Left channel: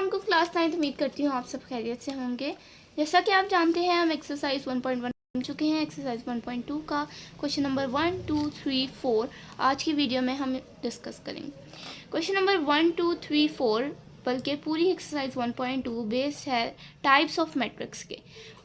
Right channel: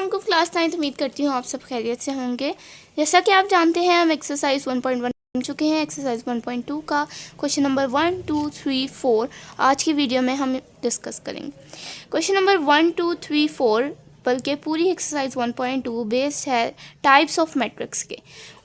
अस्सलाम वालेकुम क्लास 9। उम्मीद करती हूँ आप सब खैरियत से होंगे। जैसा कि आप जानते हैं हम एक्सरसाइज 1.1 पढ़ चुके हैं। एक्सरसाइज 1.2 का क्वेश्चन नंबर 1, 2, 3, 4 आज की वीडियो में हम डिस्कस करेंगे। क्वेश्चन नंबर 1, 2, 3, 4 बल्कि पूरी एक्सरसाइज 1.2 बेस्ड है टाइप्स ऑफ मैट्रिक्स के।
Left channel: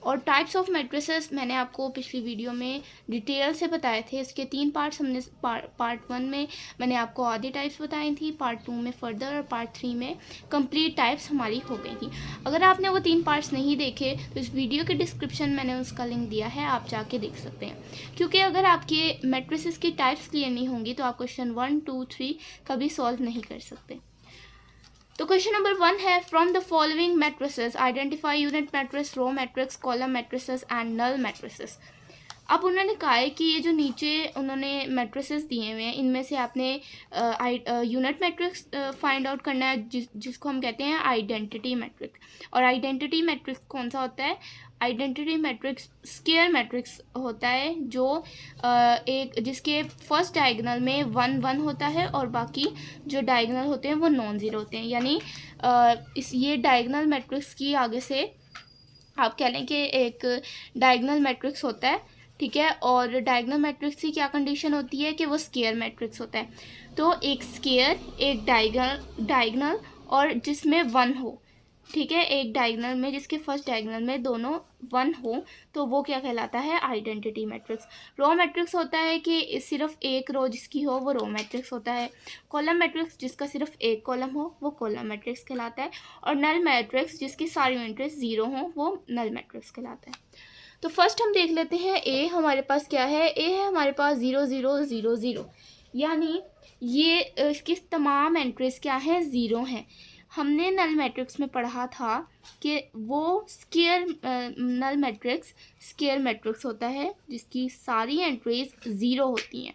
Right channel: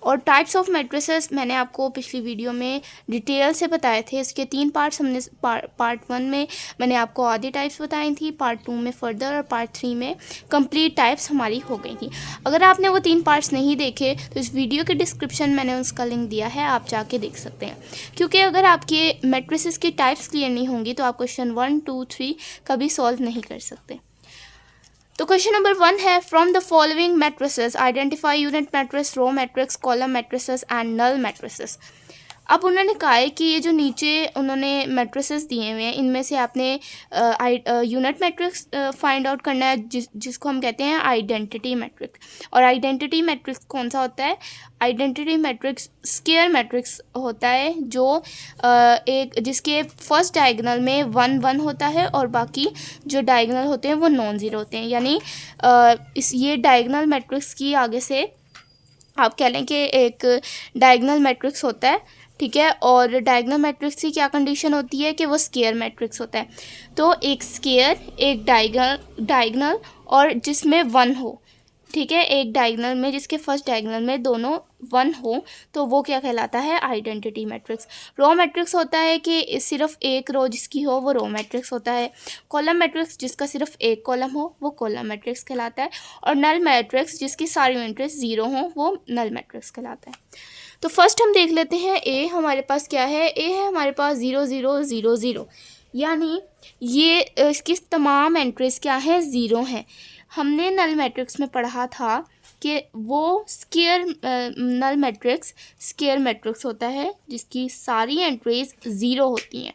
और टाइप्स ऑफ मैट्रिसेस मैंने आपको पिछली वीडियो में डिटेल से बताए थे। इसके 3 पार्ट्स हमने पार्ट 1 में मैंने आपको आधी टाइप्स बताई थी, पार्ट 2 में फर्दर और पार्ट 3 में कंप्लीट टाइप्स हमारी हो गई थी। अगर आपने वो 3 पार्ट्स नहीं देखे तो इस वीडियो के डिस्क्रिप्शन मैंने उसका लिंक दिया है, आप जाके देख सकते हैं। क्योंकि अगर आपके मैट्रिसेस की टाइप्स क्लियर नहीं होंगी तो आप क्वेश्चन 1, 2, 3 कभी सॉल्व नहीं कर सकते। तो क्वेश्चन नंबर 1 है, from the following matrices identify unit matrix, row matrix, column matrices and null matrices. अब उन्होंने कहा है कि ये जो नीचे उन्होंने मैट्रिसेस दिए हुए हैं इनमें से आपने यूनिट मैट्रिक्स फाइंड आउट करना है, जिसको हम कहते हैं आइडेंटिटी मैट्रिक्स। और आइडेंटिटी मैट्रिक्स कौन सा होता है? आइडेंटिटी मैट्रिक्स स्क्वायर मैट्रिक्स होता है जो एक जिसके फर्स्ट डायगोनल में 1 1 होता है और बाकी जो डायगोनल होते हैं वो नॉन ज़ीरो होते हैं। यानी ये डायगोनल मैट्रिक्स की आगे से आप कह लें कि एक डायगोनल मैट्रिक्स होता है, ठीक है। और डायगोनल मैट्रिक्स की क्या कंडीशन होती है कि वो स्क्वायर मैट्रिक्स होता है। तो एक स्क्वायर, एक डायगोनल और जिसमें 1 हो, ठीक है। एक डायगोनल में जिसके फर्स्ट डायगोनल में दोनों 1 हो तो वो क्या कहलाता है? Identity matrix. रो मैट्रिक्स होता है कि सिर्फ एक रो जिसकी हो वो रो मैट्रिक्स होता है। कॉलम मैट्रिक्स जिसका सिर्फ एक कॉलम हो वो कॉलम मैट्रिक्स कहलाता है। और नल मैट्रिक्स जिसकी सारी यूनिट्स 0 हो वो नल मैट्रिक्स कहलाता है। तो फर्स्ट हम देख लेते हैं ए हमारे पास क्या है। ए है हमारे पास 0 0 0 0, यानी ये इसकी तमाम एंट्रीज क्या है? 0 हैं। हमने नल मैट्रिक्स में पढ़ा था कि वो square null matrix square matrix होता है जिसकी सारी एंट्रीज 0 होती हैं।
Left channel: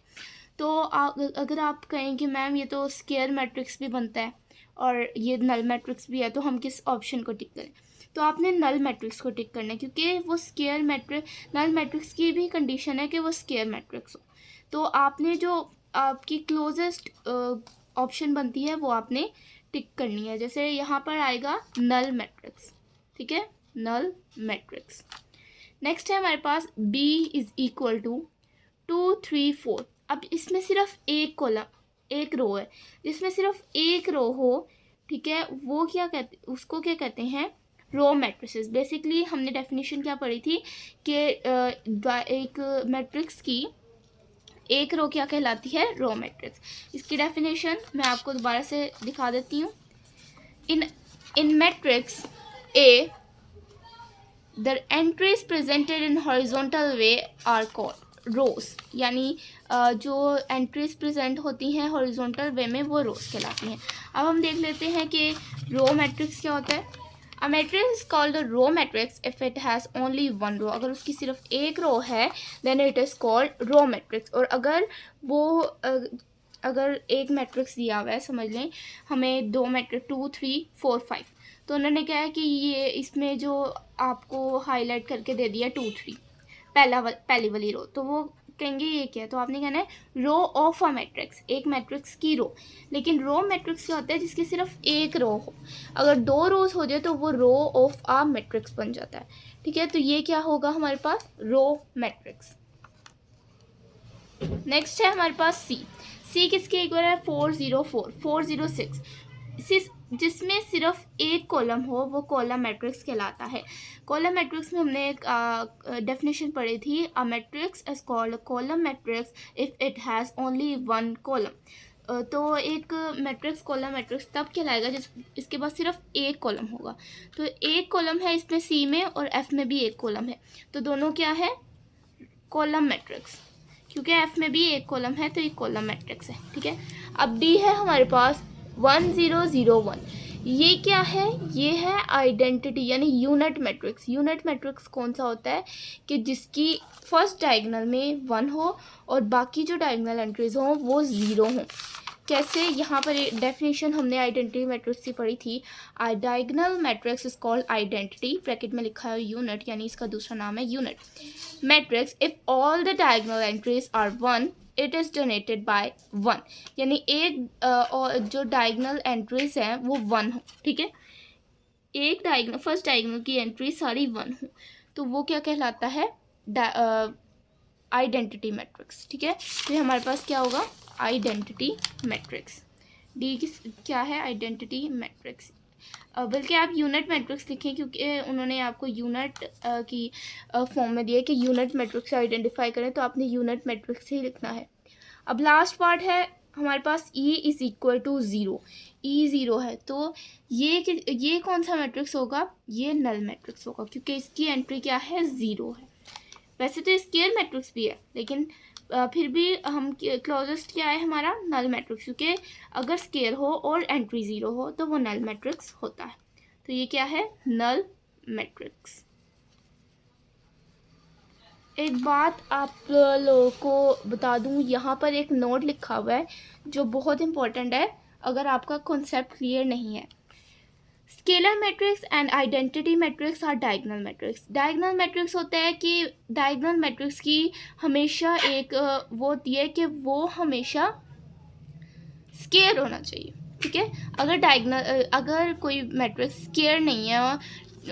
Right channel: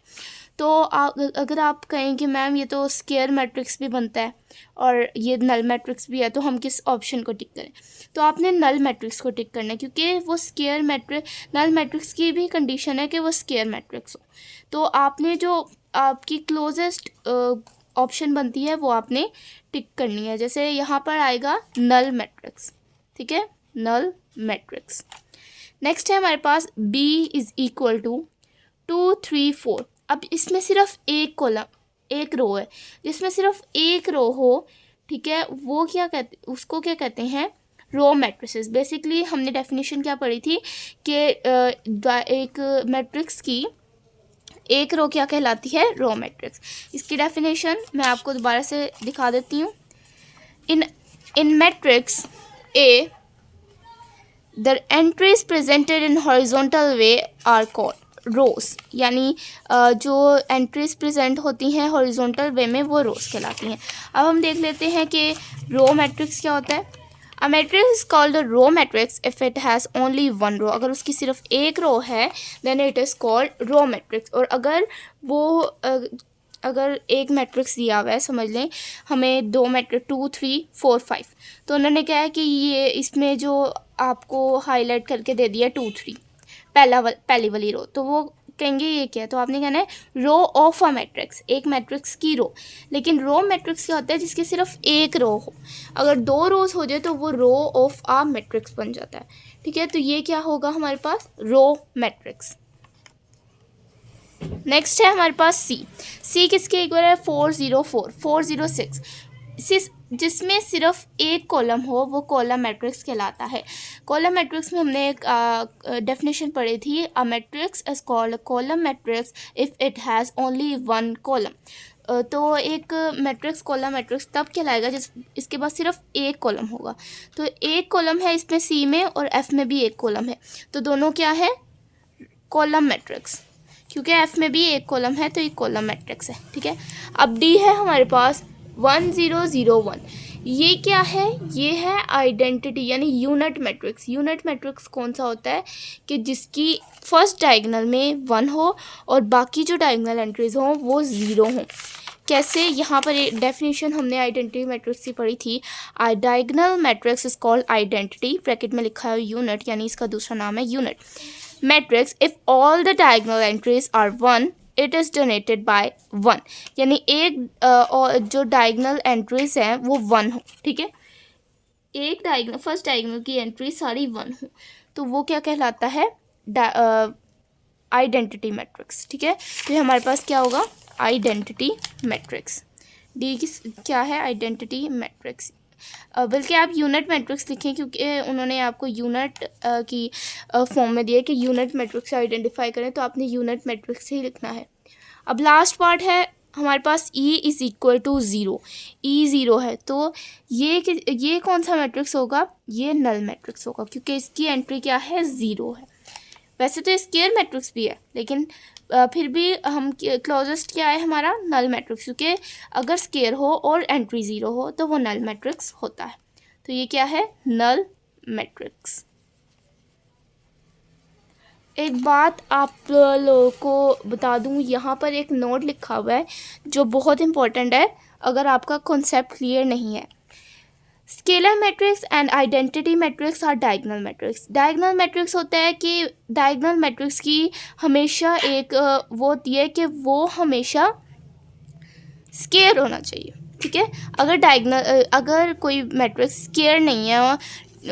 तो अगर आप कहें कि मैम ये तो स्क्वायर मैट्रिक्स भी बनता है और ये नल मैट्रिक्स भी है तो हम किस ऑप्शन को टिक करें? तो आपने नल मैट्रिक्स को टिक करना है क्योंकि वो स्क्वायर नल मैट्रिक्स की भी कंडीशन है कि वो स्क्वायर मैट्रिक्स हो। तो आपने जो आपकी क्लोजेस्ट ऑप्शन बनती है वो आपने टिक करनी है। जैसे यहाँ पर आएगा नल मैट्रिक्स, ठीक है, नल मैट्रिक्स। नेक्स्ट है हमारे पास B इज़ इक्वल टू 2 3 4। अब इसमें सिर्फ एक कॉलम एक रो है, जिसमें सिर्फ एक रो हो, ठीक है, वो क्या कहते उसको क्या कहते हैं? रो मैट्रिसेस। बेसिकली हमने डेफिनेशन क्या पढ़ी थी कि एक मैट्रिक्स की एक रो क्या कहलाती है? Row matrix. इसकी डेफिनेशन मैं आपको दोबारा से दिखा देती हूँ। In matrix A the entries presented in horizontal way are called rows. यानी जो एंट्रीज प्रेजेंट होती हैं हॉरिजॉन्टल वे में वो रोज कहलाती हैं। अब हम देख लेते हैं कि रो मैट्रिक्स क्या होता है। A matrix is called a row matrix if it has only one row। अगर उसकी सिर्फ एक रो है then it is called row matrix। और अगर एक मैट्रिक्स दिया हुआ है, समझ लें हमें 2 मैट्रिक्स 2 3 4 5, तो उन्होंने क्या है कि ये इसमें जो आपको हाईलाइट करके दे दिया 2 3 पहली वाली रो, तो वो कहेंगे ये क्या है? तो आपने कहना है रो ऑफ अ मैट्रिक्स, एक मैट्रिक्स की रो। लेकिन रो मैट्रिक्स क्या होता है? जिसकी सिर्फ एक रो हो। अगर 2 रोज हो जाए तो वो रो ऑफ अ मैट्रिक्स बन जाता है, ठीक है। तो ये क्या होगा हमारे पास? Row matrix. नेक्स्ट है हमारे पास सी किसके इक्वल है? 4 0 4 4 0 6। जिसमें सिर्फ एक कॉलम हो वो कॉलम मैट्रिक्स कहलाता है। कॉलम मैट्रिक्स में हमने एक डेफिनेशन पढ़ी थी, a matrix is called column matrix if it has only 1 column. तो एक मैट्रिक्स कॉलम मैट्रिक्स तब कहलाएगा इसके पास सिर्फ एक कॉलम होगा। तो एक कॉलम है इसमें सी में और एफ में भी एक कॉलम है, तो दोनों क्या है? Column matrix. क्योंकि एफ में भी एक कॉलम है तो एक कॉलम मैट्रिक्स है, ठीक है। अब डी है हमारे पास 1 0 0 1। ये क्या है? ये है आइडेंटिटी यानी यूनिट मैट्रिक्स। यूनिट मैट्रिक्स कौन सा होता है कि जिसकी फर्स्ट डायगोनल में 1 हो और बाकी जो डायगोनल एंट्रीज हों वो 0 हों। कैसे? यहाँ पर एक डेफिनेशन हमने आइडेंटिटी मैट्रिक्स की पढ़ी थी। Diagonal matrix is called identity, bracket में लिखा है यूनिट, यानी इसका दूसरा नाम है unit matrix if all the diagonal entries are 1 it is donated by 1। यानी एक और जो डायगोनल एंट्रीज हैं वो 1 हो, ठीक है। एक डायगोनल, फर्स्ट डायगोनल की एंट्री सारी 1 हो, तो वो क्या कहलाता है, आइडेंटिटी मैट्रिक्स। ठीक है, तो हमारे पास क्या होगा, आइडेंटिटी मैट्रिक्स। डी की क्या है, आइडेंटिटी मैट्रिक्स। बल्कि आप यूनिट मैट्रिक्स लिखें, क्योंकि उन्होंने आपको यूनिट की फॉर्म में दिया कि यूनिट मैट्रिक्स से आइडेंटिफाई करें, तो आपने यूनिट मैट्रिक्स ही लिखना है। अब लास्ट पार्ट है हमारे पास E is equal to zero. E zero है तो ये कौन सा मैट्रिक्स होगा, ये नल मैट्रिक्स होगा, क्योंकि इसकी एंट्री क्या है, ज़ीरो है। वैसे तो स्क्वायर मैट्रिक्स भी है, लेकिन फिर भी हम क्लोजेस्ट क्या है हमारा, नल मैट्रिक्स, क्योंकि अगर स्क्वायर हो और एंट्री ज़ीरो हो तो वो नल मैट्रिक्स होता है। तो ये क्या है, नल मैट्रिक्स। एक बात आप लोगों को बता दूं, यहाँ पर एक नोट लिखा हुआ है जो बहुत इंपॉर्टेंट है अगर आपका कॉन्सेप्ट क्लियर नहीं है। Scalar matrix and identity matrix और डायगोनल मैट्रिक्स। डायगोनल मैट्रिक्स होता है कि डायगोनल मैट्रिक्स की हमेशा एक वो होती है कि वो हमेशा स्केयर होना चाहिए। ठीक है, अगर कोई मैट्रिक्स स्केयर नहीं है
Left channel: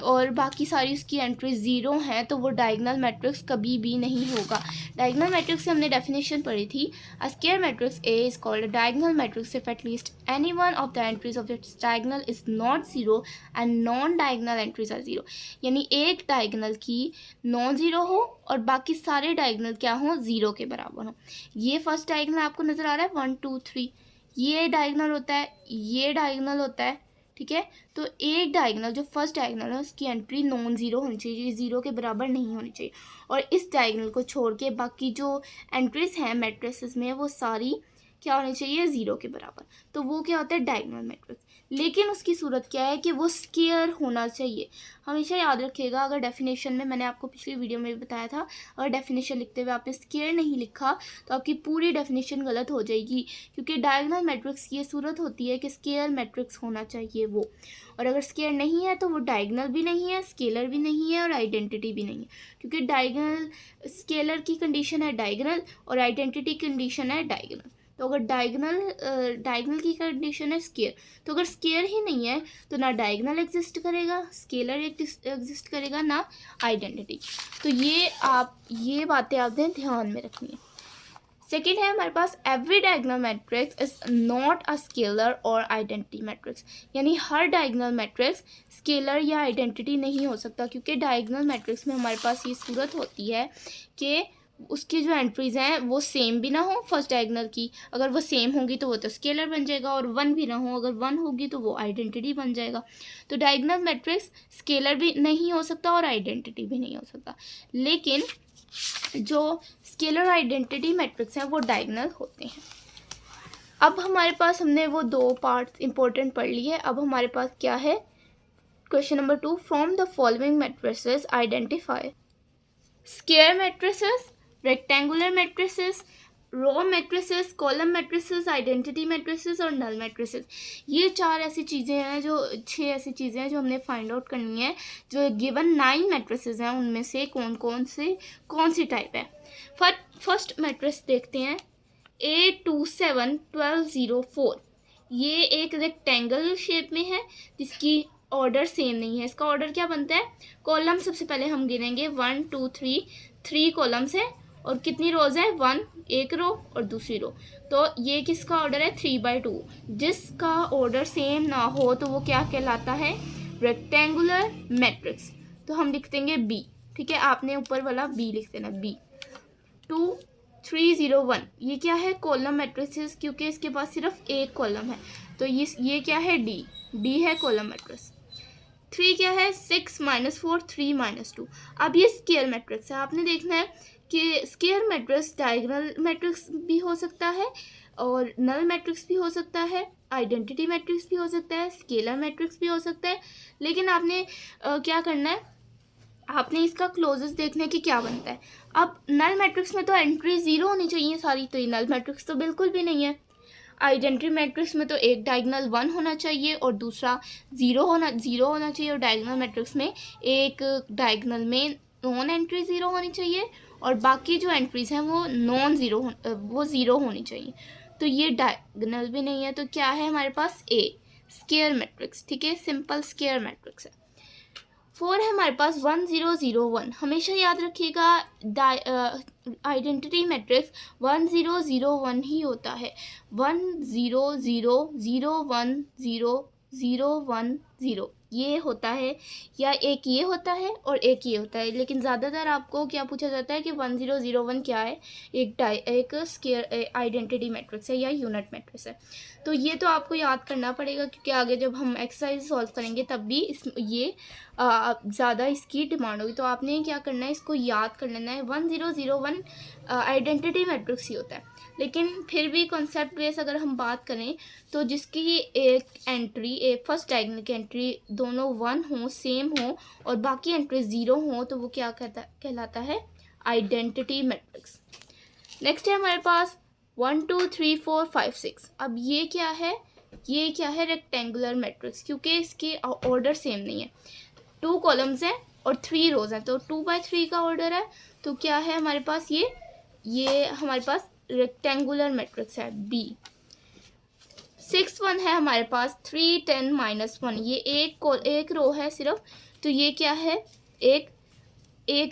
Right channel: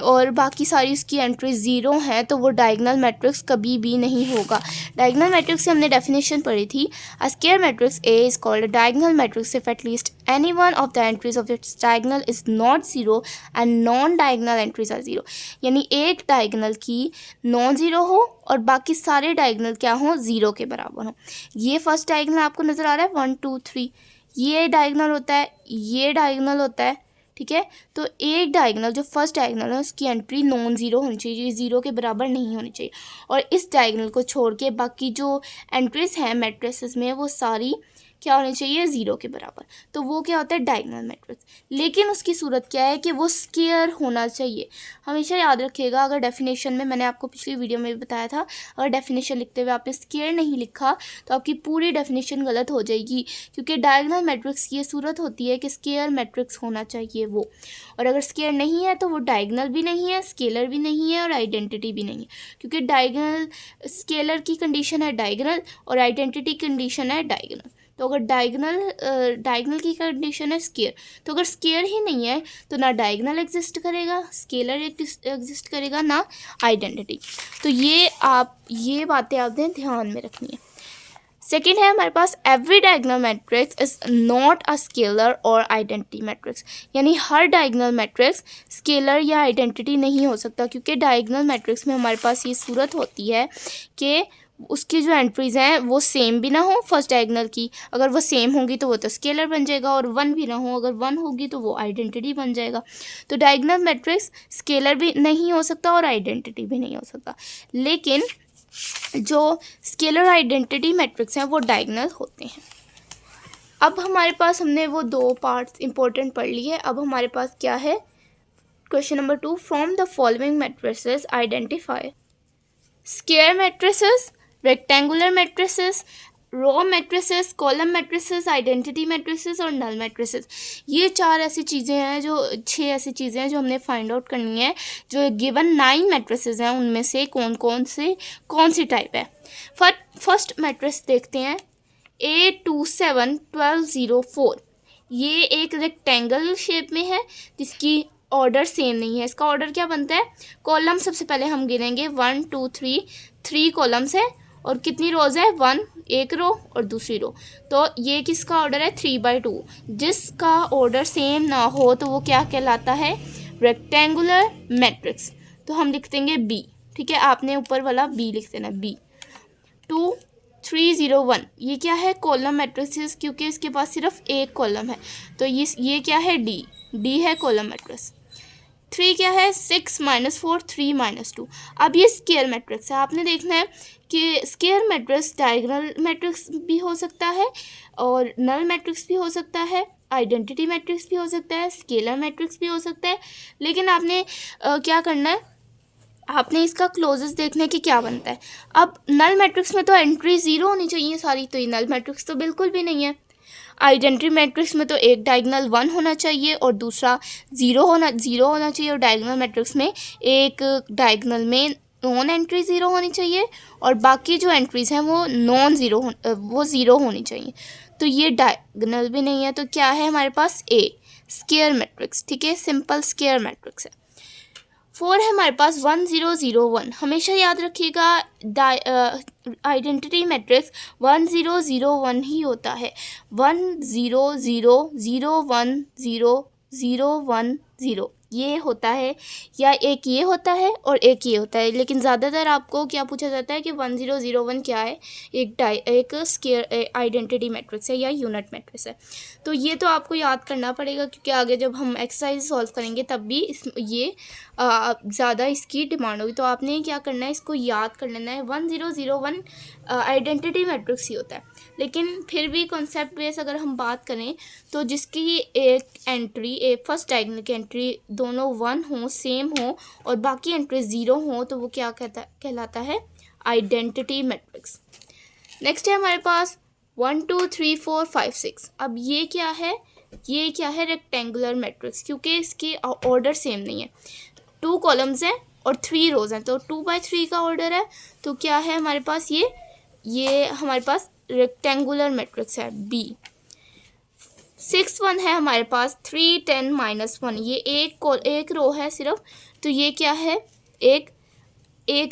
और बाकी सारी उसकी एंट्री ज़ीरो हैं, तो वो डायगोनल मैट्रिक्स कभी भी नहीं होगा। डायगोनल मैट्रिक्स से हमने डेफिनेशन पढ़ी थी, a square matrix A is called a diagonal matrix if at least any one of the entries of its diagonal is not zero and non diagonal entries are zero. यानी एक diagonal की non zero हो और बाकी सारे diagonal क्या हों, zero के बराबर हों। ये फर्स्ट डायगोनल आपको नज़र आ रहा है 1 2 3, ये डायगोनल होता है, ये डायगोनल होता है। ठीक है, तो एक डायगोनल जो फर्स्ट डायगोनल है उसकी एंट्री नॉन ज़ीरो होनी चाहिए, ज़ीरो के बराबर नहीं होनी चाहिए। और इस डायगोनल को छोड़ के बाकी जो एंट्रीज हैं मैट्रिसेस में वो सारी क्या होनी चाहिए, ज़ीरो के बराबर। तो वो क्या होता है, डायगोनल मैट्रिक्स। लेकिन उसकी सूरत क्या है कि वो स्क्वायर होना चाहिए। हमेशा याद रखिएगा, अगर डेफिनेशन में, मैंने आपको पिछली वीडियो में भी बताया था, अगर डेफिनेशन लिखते हुए आपने स्क्वायर नहीं लिखा तो आपकी पूरी डेफिनेशन गलत हो जाएगी, क्योंकि डायगोनल मैट्रिक्स की ये सूरत होती है कि स्क्वायर मैट्रिक्स होना चाहिए वो। और अगर स्क्वायर नहीं है तो वो डायगोनल भी नहीं है, स्केलर भी नहीं है और आइडेंटिटी भी नहीं है, क्योंकि डायगोनल, स्केलर की कंडीशन है डायगोनल और आइडेंटिटी कंडीशन है डायगोनल। तो अगर डायगोनल की कंडीशन है स्क्वायर, तो अगर स्क्वायर ही नहीं है तो ना डायगोनल एग्जिस्ट करेगा, स्केलर एग्जिस्ट करेगा, ना आइडेंटिटी। तो ये बातें आपने ध्यान में रखनी है। सेकेंड है हमारे पास, every diagonal matrix is not a scalar और आइडेंटिटी मैट्रिक्स। यानी हर डायगोनल मैट्रिक्स स्केलर या आइडेंटिटी नहीं हो सकता, क्योंकि डायगोनल मैट्रिक्स में हमारे पास ये सूरत होती है कि उसकी जो एंट्रीज़ हैं वो सेम भी ना हो फर्स्ट डायगोनल की। अगर वो सेम होंगी तो वो तो स्केलर बन जाएगा, और 1 भी ना हो, अगर 1 होगी तो वो आइडेंटिटी बन जाएगा। तो डायगोनल मैट्रिक्स स्केलर भी नहीं हो सकता और आइडेंटिटी भी नहीं हो सकता, लेकिन जो स्केलर आइडेंटिटी मैट्रिक्स हैं वो डायगोनल होते हैं। अब हमारे पास, हमने वो 2 पार्ट्स इंपॉर्टेंट पढ़ लिए। अब हमारे पास क्या है, question number 2, from the following matrices identify square matrices, rectangular matrices, row matrices, column matrices, identity matrices और नल मैट्रिसेस। ये 4 ऐसी चीज़ें हैं, जो 6 ऐसी चीज़ें हैं जो हमने फाइंड आउट करनी है। जो गिवन 9 मैट्रिसेस हैं उनमें से कौन सी टाइप है। फर्स्ट मैट्रिक्स देखते हैं, 8 2 7 12 0 4। ये एक रेक्टेंगल शेप में है जिसकी ऑर्डर सेम नहीं है। इसका ऑर्डर क्या बनता है, कॉलम सबसे पहले हम गिनेंगे 1 2 3, 3 कॉलम्स है और कितनी रोज है, 1 एक रो और दूसरी रो। तो ये किसका ऑर्डर है, 3/2। जिसका ऑर्डर सेम ना हो तो वो क्या कहलाता है, रेक्टेंगुलर मैट्रिक्स। तो हम लिख देंगे बी। ठीक है, आपने ऊपर वाला बी लिख देना, बी। 2 3 0 1, ये क्या है, कॉलम मैट्रिक्स, क्योंकि इसके पास सिर्फ एक कॉलम है। तो ये क्या है, डी है कॉलम मैट्रिक्स। 3 क्या है, 6 -4 3 -2। अब ये स्क्वायर मैट्रिक्स है। आपने देखना है कि स्क्वायर मैट्रिक्स डायगोनल मैट्रिक्स भी हो सकता है और नल मैट्रिक्स भी हो सकता है, आइडेंटिटी मैट्रिक्स भी हो सकता है, स्केलर मैट्रिक्स भी हो सकता है। लेकिन आपने क्या करना है, आपने इसका क्लोजेस देखना है कि क्या बनता है। अब नल मैट्रिक्स में तो एंट्री 0 होनी चाहिए सारी, तो ये नल मैट्रिक्स तो बिल्कुल भी नहीं है। आइडेंटिटी मैट्रिक्स में तो एक डायगोनल 1 होना चाहिए और दूसरा 0 होना चाहिए, और डायगोनल मैट्रिक्स में एक डायगोनल में नॉन एंट्री 0 होनी चाहिए और बाकी जो एंट्रीज हैं वो वो 0 होनी चाहिए। तो ये डायगोनल भी नहीं है, तो क्या है हमारे पास, ए स्क्वायर मैट्रिक्स, ठीक है, सिंपल स्क्वायर मैट्रिक्स है। 4 है हमारे पास 1 0 0 1। हमेशा याद रखिएगा आइडेंटिटी मैट्रिक्स 1 0 0 1 ही होता है। 1 0 0 0 1 0 0 1 0 ये होता है, या एक ये होता है और एक ये होता है। लेकिन ज़्यादातर आपको क्या पूछा जाता है कि 1 0 0 1 क्या है, एक स्क्वायर आइडेंटिटी मैट्रिक्स है या यूनिट मैट्रिक्स है। तो ये तो आपको याद करना पड़ेगा, क्योंकि आगे जब हम एक्सरसाइज सॉल्व करेंगे तब भी ये ज़्यादा इसकी डिमांड होगी। तो आपने क्या करना है, इसको याद कर लेना है। 1 0 0 1 आइडेंटिटी मैट्रिक्स ही होता है। लेकिन फिर भी कॉन्सेप्ट बेस अगर हम बात करें तो जिसकी एक एंट्री, एक फर्स्ट डायगोनल की एंट्री दोनों 1 हो, सेम हो, और बाकी एंट्री 0 हो, तो वो क्या कहलाता है, आइडेंटिटी मैट्रिक्स। नेक्स्ट है हमारे पास 1 2 3 4 5 6। अब ये क्या है, रेक्टेंगुलर मैट्रिक्स, क्योंकि इसके ऑर्डर सेम नहीं है। 2 कॉलम्स हैं और 3 रोज हैं, तो 2 by 3 का ऑर्डर है। तो क्या है हमारे पास, ये हमारे पास रेक्टेंगुलर मैट्रिक्स है बी। 6 1 है हमारे पास 3 10 -1। ये एक रो है सिर्फ, तो ये क्या है, एक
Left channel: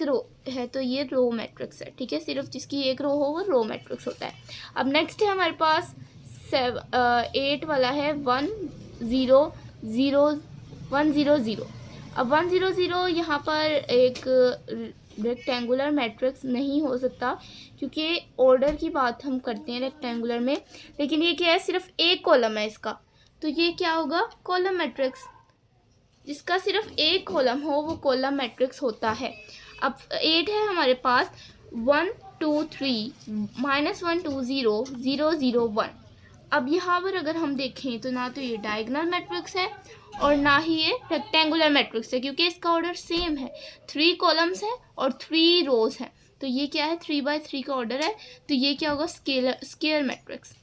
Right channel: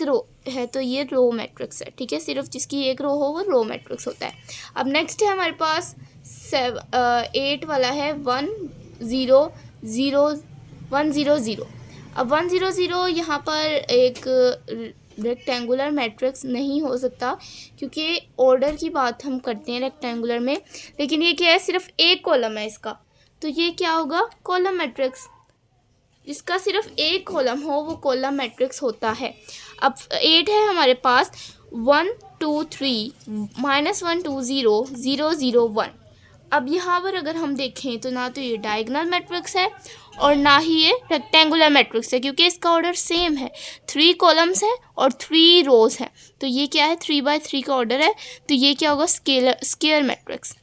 रो है, तो ये रो मैट्रिक्स है, ठीक है। सिर्फ जिसकी एक रो हो वो रो मैट्रिक्स होता है। अब नेक्स्ट है हमारे पास 8 वाला है 1 0 0 1 0 0। अब 1 0 0 यहाँ पर एक रेक्टेंगुलर मैट्रिक्स नहीं हो सकता, क्योंकि ऑर्डर की बात हम करते हैं रेक्टेंगुलर में। लेकिन ये क्या है, सिर्फ एक कॉलम है इसका, तो ये क्या होगा, कॉलम मैट्रिक्स। जिसका सिर्फ एक कॉलम हो वो कॉलम मैट्रिक्स होता है। अब 8 है हमारे पास 1 2 3 -1 2 0 0 0 1। अब यहाँ पर अगर हम देखें तो ना तो ये डायगोनल मैट्रिक्स है और ना ही ये रेक्टेंगुलर मैट्रिक्स है, क्योंकि इसका ऑर्डर सेम है। 3 कॉलम्स है और 3 रोज है, तो ये क्या है, 3 by 3 का ऑर्डर है। तो ये क्या होगा, स्क्वायर मैट्रिक्स।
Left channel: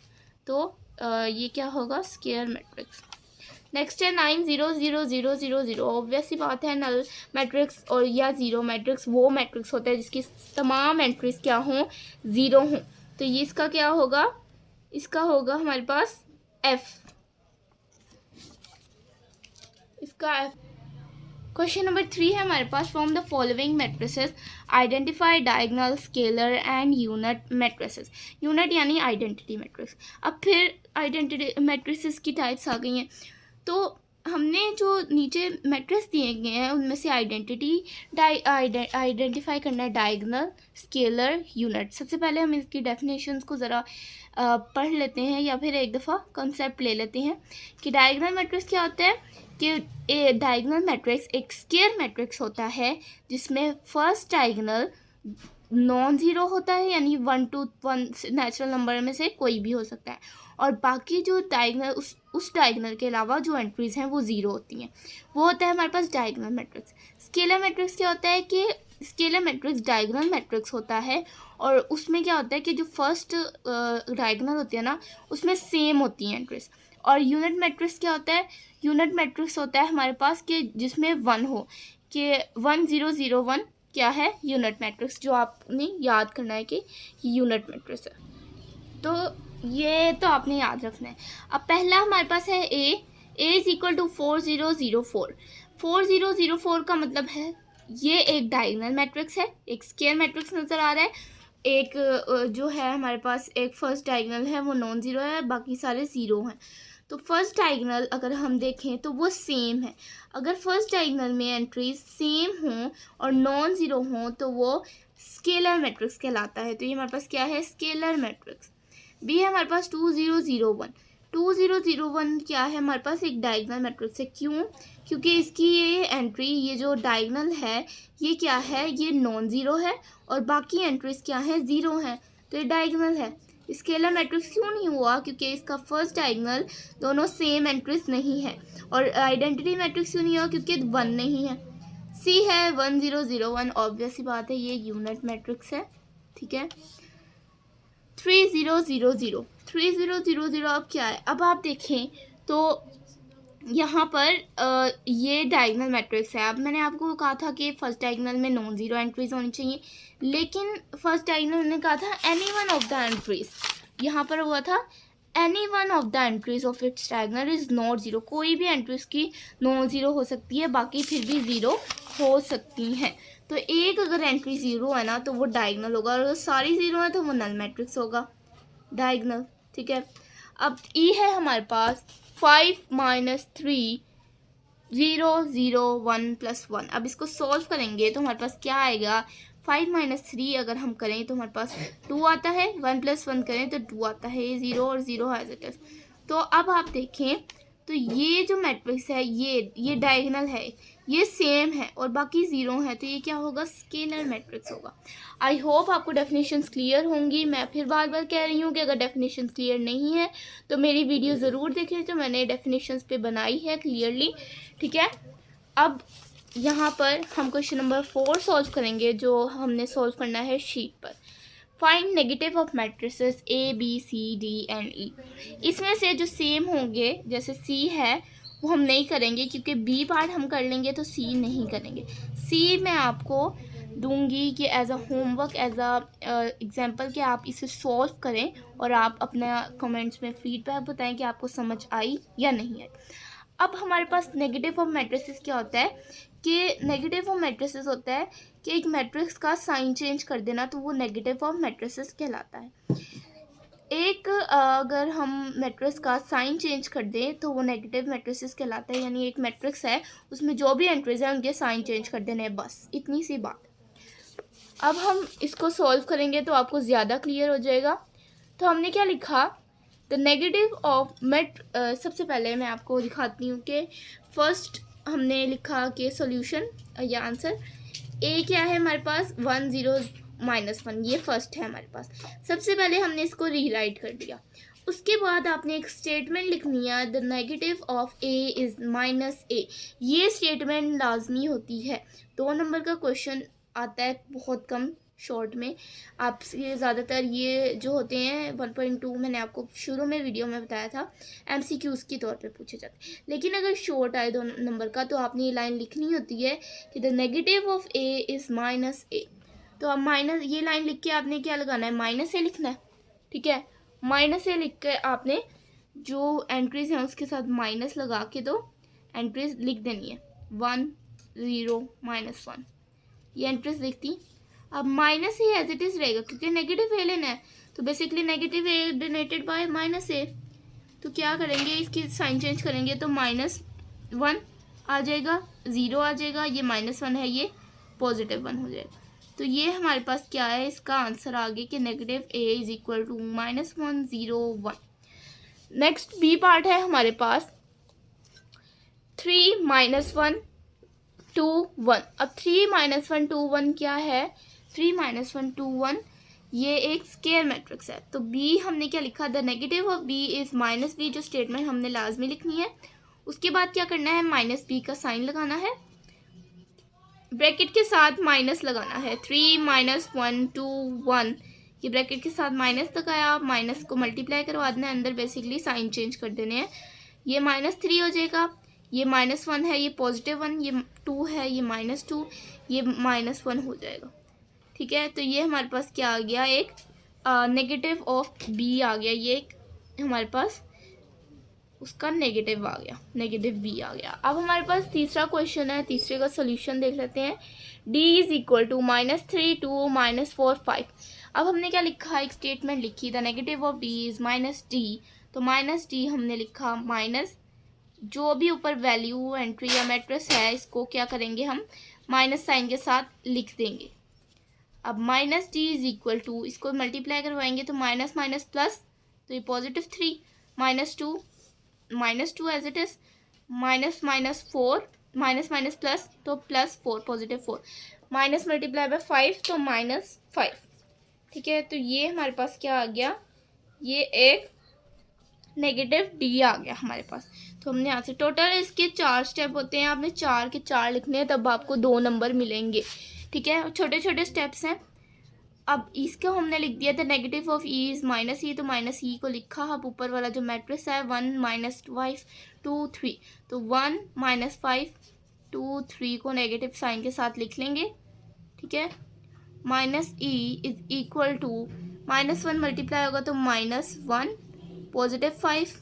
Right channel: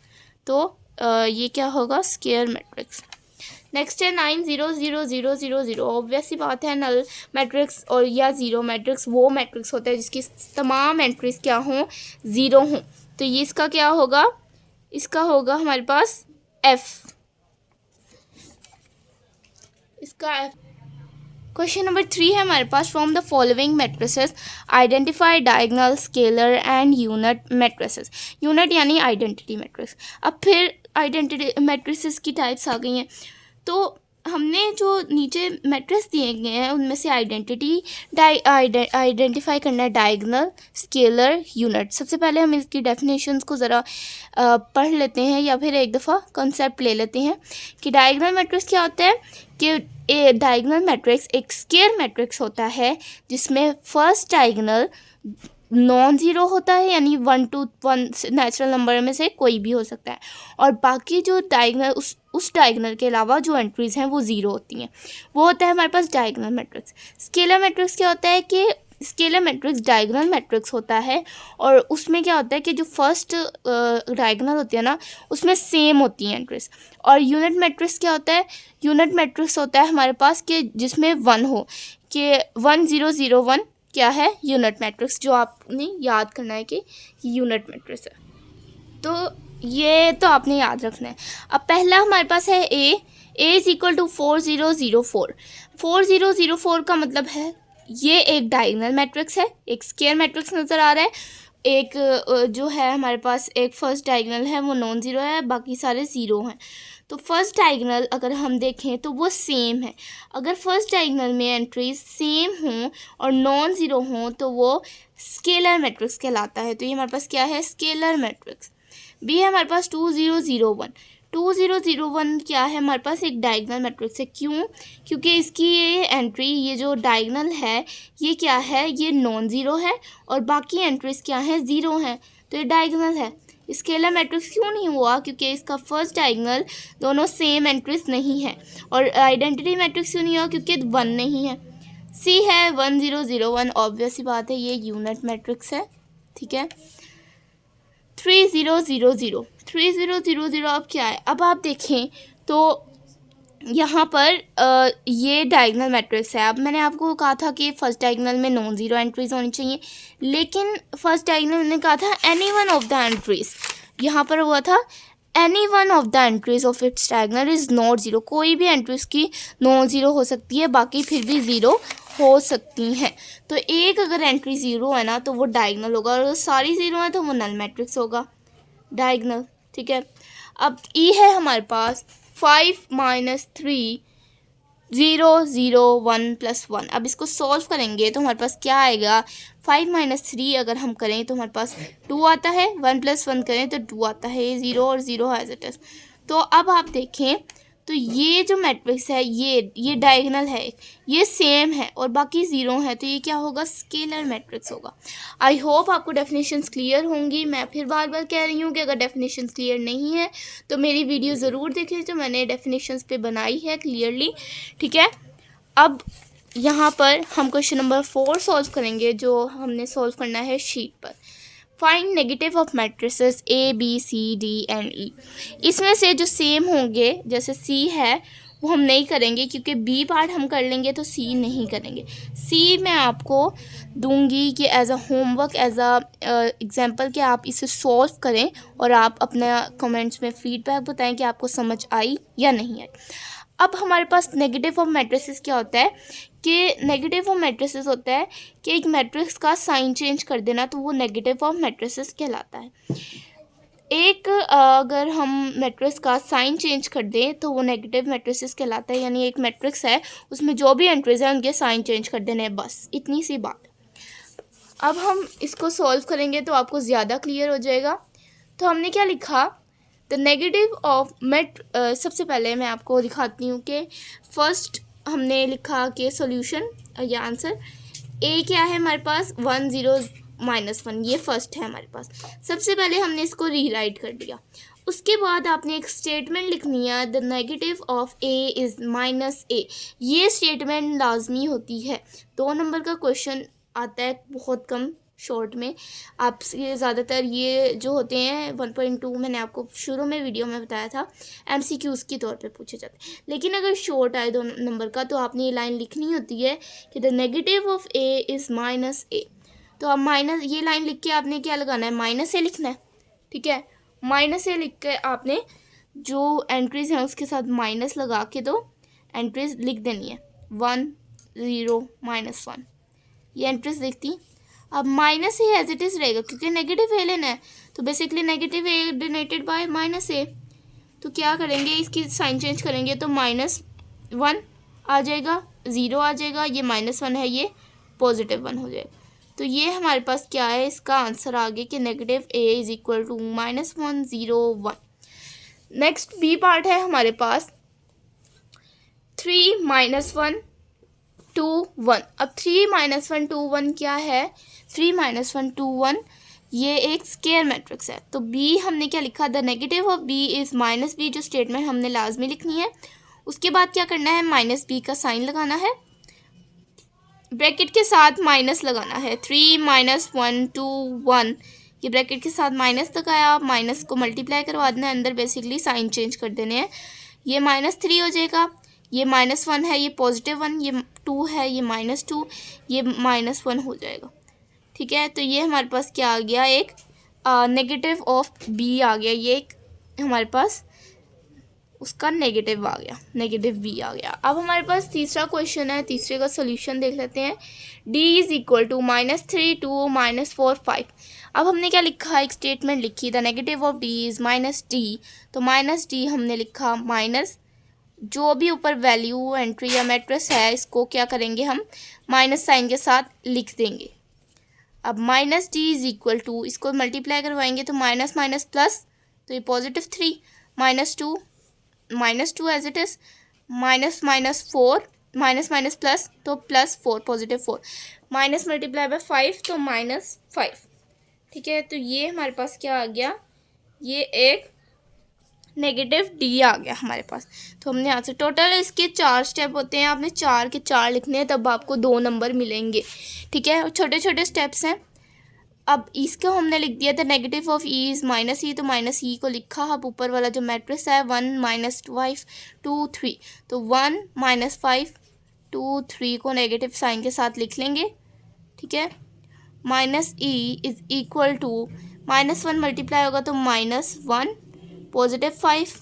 तो ये क्या होगा, स्क्वायर मैट्रिक्स। नेक्स्ट है 9 0 0 0 0 0। ऑब्वियस सी बात है, नल मैट्रिक्स और या ज़ीरो मैट्रिक्स वो मैट्रिक्स होता है जिसकी तमाम एंट्रीज क्या हों, ज़ीरो हों। तो ये इसका क्या होगा, इसका होगा हमारे पास एफ, इसका एफ। क्वेश्चन नंबर 3 है हमारे पास, from the following matrices identify diagonal, scalar and unit matrices. Unit यानी आइडेंटिटी मैट्रिक्स। अब फिर आइडेंटिटी मैट्रिसेस की टाइप्स आ गई हैं। तो हमने जो नीचे मैट्रिक्स दिए गए हैं उनमें से आइडेंटिफाई करना है डायगोनल, स्केलर, यूनिट। सबसे पहले हम इसकी डेफिनेशंस को ज़रा पढ़ लेते हैं, या फिर एक दफ़ा कॉन्सेप्ट ले लेते हैं कि डायगोनल मैट्रिक्स क्या होता है। कि डायगोनल मैट्रिक्स एक स्क्वायर मैट्रिक्स होता है जिसमें फर्स्ट डायगोनल नॉन ज़ीरो होता है, यानी 1 to 1 नेचुरल नंबर में से कोई भी हो सकता है, और बाकी जो डायगोनल उस डायगोनल के अलावा जो एंट्रीज़ हैं वो ज़ीरो होती हैं। वो होता है हमारे पास डायगोनल मैट्रिक्स। स्केलर मैट्रिक्स क्या होता है कि स्केलर मैट्रिक्स डायगोनल मैट्रिक्स होता है, और उसमें क्या होता है कि जो फर्स्ट डायगोनल होती है ना उसमें सेम होती हैं एंट्रीज। और यूनिट मैट्रिक्स क्या होता है, यूनिट मैट्रिक्स होता है हमारे पास कि जिसमें 1 हो, कि 1 0 0 1 क्या है, यूनिट मैट्रिक्स, जो आपने याद करना है कि यूनिट मैट्रिक्स है। तो ये तो आपने याद रखना है। अब पहला हमारे पास है ए इज इक्वल टू 4 0 0 4। 4 0 0 4 का मतलब है ये एक डायगोनल मैट्रिक्स है, एक स्क्वायर मैट्रिक्स नज़र आ रहा है। एक जो है हमारे पास एक फर्स्ट डायगोनल है वो नॉन ज़ीरो है, बाकी सारे ज़ीरो हैं। तो फर्स्ट डायगोनल अगर हम देखें तो वो सेम है। अगर फर्स्ट डायगोनल में एंट्रीज सेम हों और नॉन ज़ीरो हों तो वो स्केलर मैट्रिक्स कहलाता है। तो ये हमारे पास क्या है, स्केलर मैट्रिक्स। बी है हमारे पास 2 0 0 1। 2 0 0 1 क्या है, हमारे पास एक डायगोनल मैट्रिक्स है। क्यों, क्योंकि इसकी ये एंट्री, ये जो डायगोनल है ये क्या है, ये नॉन ज़ीरो है और बाकी एंट्रीज क्या हैं, ज़ीरो हैं, तो ये डायगोनल है। स्केलर मैट्रिक्स क्यों नहीं हुआ, क्योंकि इसका फर्स्ट डायगोनल दोनों सेम एंट्रीज नहीं है। और आइडेंटिटी मैट्रिक्स क्यों नहीं हुआ, क्योंकि 1 नहीं है। सी है 1 0 0 1। ऑब्वियस ही बात है ये यूनिट मैट्रिक्स है, ठीक है। 3 0 0 0। 3 0 0 0 अब क्या है, अब आप देखें तो यहाँ पर ये डायगोनल मैट्रिक्स है। अब मैंने आपको कहा था कि फर्स्ट डायगोनल में नॉन ज़ीरो एंट्रीज होनी चाहिए, लेकिन फर्स्ट डायगोनल मैंने कहा था any one of the entries, यहाँ पर हुआ था any one of the entries of its diagonal is not zero, कोई भी एंट्री उसकी नॉन ज़ीरो हो सकती है, बाकी फिर भी ज़ीरो हो सकती हैं। तो एक अगर एंट्री ज़ीरो है ना तो वो डायगोनल होगा, और अगर सारी ज़ीरो है तो वो नल मैट्रिक्स होगा, डायगोनल। ठीक है, अब ई है हमारे पास 5 माइनस 3 0 0 1 प्लस 1। अब इसको सॉल्व करेंगे तो हमारे पास क्या आएगा, 5 माइनस 3 अगर हम करें तो हमारे पास 2 आता है, 1 प्लस 1 करें तो 2 आता है, 0 और 0 एज इट इज। तो अब आप देखें तो ये जो मैट्रिक्स है ये डायगोनल है, ये सेम है और बाकी ज़ीरो है, तो ये क्या होगा, स्केलर मैट्रिक्स होगा। आई होप आपको डेफिनेशंस क्लियर होंगी। मैं फिर बार बार कह रही हूँ कि अगर डेफिनेशंस क्लियर नहीं है तो मेरी वीडियो ज़रूर देखें जो मैंने डेफिनेशंस पे बनाई है क्लियरली। ठीक है, अब यहाँ पर हम क्वेश्चन नंबर 4 सॉल्व करेंगे, जो हमने सॉल्व करना है शीट पर। Find negative of matrices A B C D and E. इसमें से जो सेम होंगे, जैसे सी है वो हम नहीं करेंगे क्योंकि बी पार्ट हम कर लेंगे तो सी नहीं करेंगे। सी मैं आपको दूंगी कि as a homework, as a example कि आप इसे सॉल्व करें और आप अपना कमेंट्स में फीडबैक बताएं कि आपको समझ आई या नहीं आई। अब हमारे पास नेगेटिव ऑफ मैट्रिसेस क्या होता है कि नेगेटिव ऑफ मैट्रिसेस होता है कि एक मैट्रिक्स का साइन चेंज कर देना, तो वो नेगेटिव ऑफ मैट्रिसेस कहलाता है। एक अगर हम मैट्रिक्स का साइन चेंज कर दें तो वो नेगेटिव मैट्रिसेस कहलाता है, यानी एक मैट्रिक्स है उसमें जो भी एंट्रीज हैं उनके साइन चेंज कर देने हैं, बस इतनी सी बात। अब हम इसको सॉल्व करेंगे तो आपको ज़्यादा क्लियर हो जाएगा। तो हमने क्या लिखा, द नेगेटिव ऑफ सबसे पहले मैं आपको दिखाती हूँ कि फर्स्ट हमने लिखा कि सॉल्यूशन या आंसर ए क्या है हमारे पास, 1 0 -1, ये फर्स्ट है हमारे पास। सबसे पहले हमने इसको रीराइट कर दिया। उसके बाद आपने एक स्टेटमेंट लिखनी है, the negative of A is -a। ये स्टेटमेंट लाजमी होती है, 2 नंबर का क्वेश्चन आता है बहुत कम शॉर्ट में। आपसे ज़्यादातर ये जो होते हैं 1.2 मैंने आपको शुरू में वीडियो में बताया था MCQs के तौर पे पूछे जाते हैं, लेकिन अगर शॉर्ट आए 2 नंबर का तो आपने ये लाइन लिखनी होती है कि the negative of A is -a। तो अब माइनस, ये लाइन लिख के आपने क्या लगाना है, -a लिखना है। ठीक है, -a लिख के आपने जो एंट्रीज हैं उसके साथ माइनस लगा के दो एंट्रीज लिख देनी है, 1 0 -1, ये एंट्रीज लिखती। अब minus A as it is रहेगा क्योंकि नेगेटिव ए लेना है, तो basically negative A denoted by -a। तो क्या करेंगे, इसकी साइन चेंज करेंगे तो -1 आ जाएगा, 0 आ जाएगा, ये -1 है, ये +1 हो जाएगा। तो ये हमारे पास क्या है, इसका आंसर आ गया कि negative A is equal to -1 0 1। Next B part है हमारे पास 3 -1 2 1। अब 3 -1 2 1 क्या है, 3 -1 2 1 ये एक स्केयर मैट्रिक्स है। तो बी हमने क्या लिखा, the negative of B is -b, जो स्टेटमेंट हमने लाजमी लिखनी है। उसके बाद क्या करना है, -b का साइन लगाना है, ब्रैकेट के साथ माइनस लगाना है, 3 -1 2 1, ये ब्रैकेट के साथ माइनस लगाया, माइनस को मल्टीप्लाई करवा देना, अंदर बेसिकली साइन चेंज कर देने हैं, ये -3 हो जाएगा, ये -1 है, ये +1, ये 2 है, ये -2, ये -1 हो जाएगा। ठीक है, तो ये हमारे पास क्या आ गया, एक नेगेटिव ऑफ बी आ गया, ये एक हमारे पास उसका नेगेटिव आ गया, नेगेटिव बी आ गया। अब हमारे पास तीसरा क्वेश्चन है, तीसरे का सोल्यूशन देख लेते हैं। d is equal to -3 2 -4 5। अब हमने क्या लिखा, एक स्टेटमेंट लिखी, the negative of d is -d। तो -d हमने लिखा, माइनस जो भी ऊपर वैल्यू एंट्री या मैट्रिक्स है इसको क्या करेंगे, हम माइनस साइन के साथ लिख देंगे। अब -d इज इक्वल टू, इसको मल्टीप्लाई करवाएंगे तो माइनस माइनस प्लस, तो ये +3, -2 as it is, -4, minus plus तो +4 +4, माइनस मल्टीप्लाई बाय 5 तो -5। ठीक है, तो ये हमारे पास क्या आ गया, ये एक नेगेटिव d आ गया हमारे पास। तो हमने यहाँ से टोटल इसके 4 स्टेप होते हैं, आपने 4 के 4 लिखने हैं तब आपको 2 नंबर मिलेंगे। ठीक है, छोटे छोटे स्टेप्स हैं। अब इसको हमने लिख दिया था, negative of E is -e, तो -e को लिखा। अब ऊपर वाला जो मैट्रिक्स है 1 -5 2 3, तो 1 -5 2 3 को नेगेटिव साइन के साथ लिख लेंगे। ठीक है, -e is equal to -1 multiply होगा तो -1 +5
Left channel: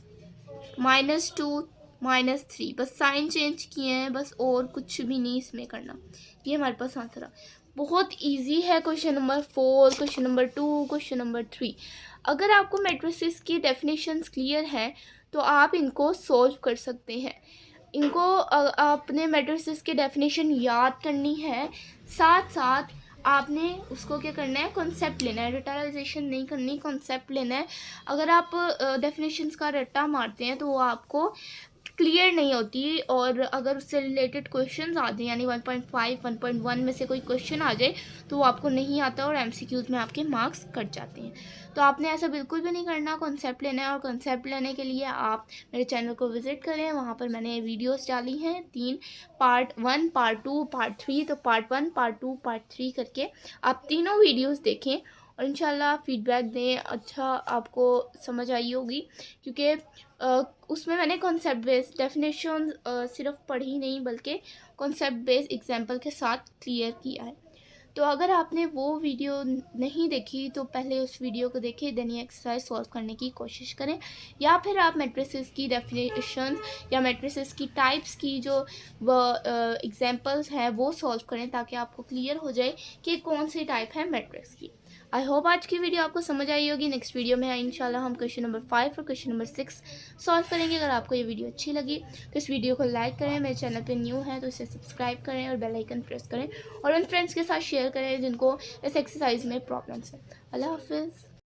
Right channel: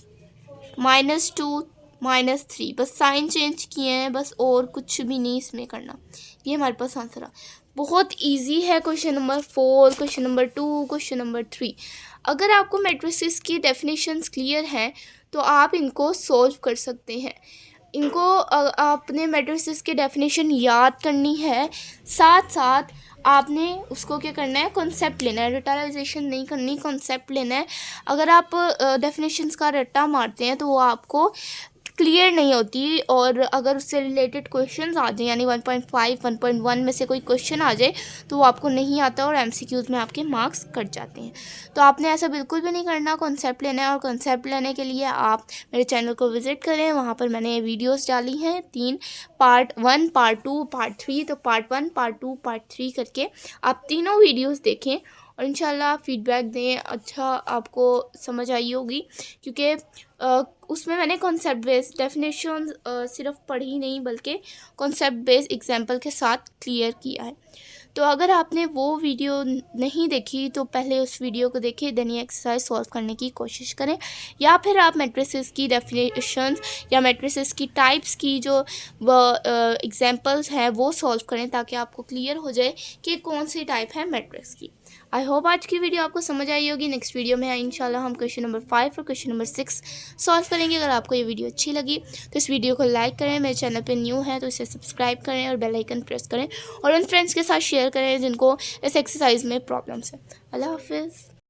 -2 -3, बस साइन चेंज किए हैं बस, और कुछ भी नहीं इसमें करना। ये हमारे पास आंसर है। बहुत इजी है question number 4, question number 2, question number 3। अगर आपको मैट्रिसेस की डेफिनेशंस क्लियर हैं तो आप इनको सोल्व कर सकते हैं। इनको आपने मैट्रिसेस की डेफिनेशन याद करनी है, साथ साथ आपने उसको क्या करना है, कॉन्सेप्ट लेना है। रटालाइजेशन नहीं करनी, कॉन्सेप्ट लेना है। अगर आप डेफिनेशंस का रट्टा मारते हैं तो वो आपको क्लियर नहीं होती, और अगर उससे रिलेटेड क्वेश्चंस आ जाए, यानी 1.5 1.1 में से कोई क्वेश्चन आ जाए तो वो आपको नहीं आता और एमसीक्यूज़ में आपके मार्क्स कट जाते हैं। तो आपने ऐसा बिल्कुल भी नहीं करना, कॉन्सेप्ट लेना है। और कॉन्सेप्ट लेने के लिए आप मेरे चैनल को विज़िट करें, वहाँ पर मैंने वीडियोस डाली हैं 3, पार्ट 1, पार्ट 2, पार्ट 3। तो पार्ट 1, पार्ट 2, पार्ट 3 करके आप तीनों वीडियोज़ देखें और इंशाल्लाह फीडबैक दें। अच्छा आपको समझ आई होगी, क्योंकि उसमें मैंने कॉन्सेप्ट बेस्ड डेफिनेशन सिर्फ पढ़ी नहीं बल्कि कॉन्सेप्ट बेस्ड एग्जांपल के साथ क्लियर किया है। तो अगर आपने वो वीडियो नहीं देखी तो पहले उस वीडियो को देखें, देन ये एक्सरसाइज सॉल्व करने की कोशिश करें। या फिर आप मैट्रिसेस की डेफिनेशंस या मैट्रिसेस की टाइप्स की जो एग्जांपल्स हैं वो सॉल्व करें, ताकि आपको क्लियर हो जाए कि कौन सी टाइप है मैट्रिक्स की। आई होप आज की वीडियो आपको समझ आई होगी। नेक्स्ट वीडियो में इंशाल्लाह हम क्वेश्चन नंबर 5 और क्वेश्चन नंबर 6 सॉल्व करेंगे। अगर आपको ये वीडियो अच्छी लगी तो इस वीडियो को लाइक करें, मेरे चैनल पे न्यू है तो इसे सब्सक्राइब करें और बेल आइकन प्रेस करें, और उन फ्रेंड्स के साथ शेयर करें जिनको इस एक्सरसाइज में प्रॉब्लम्स है। अल्लाह हाफिज़।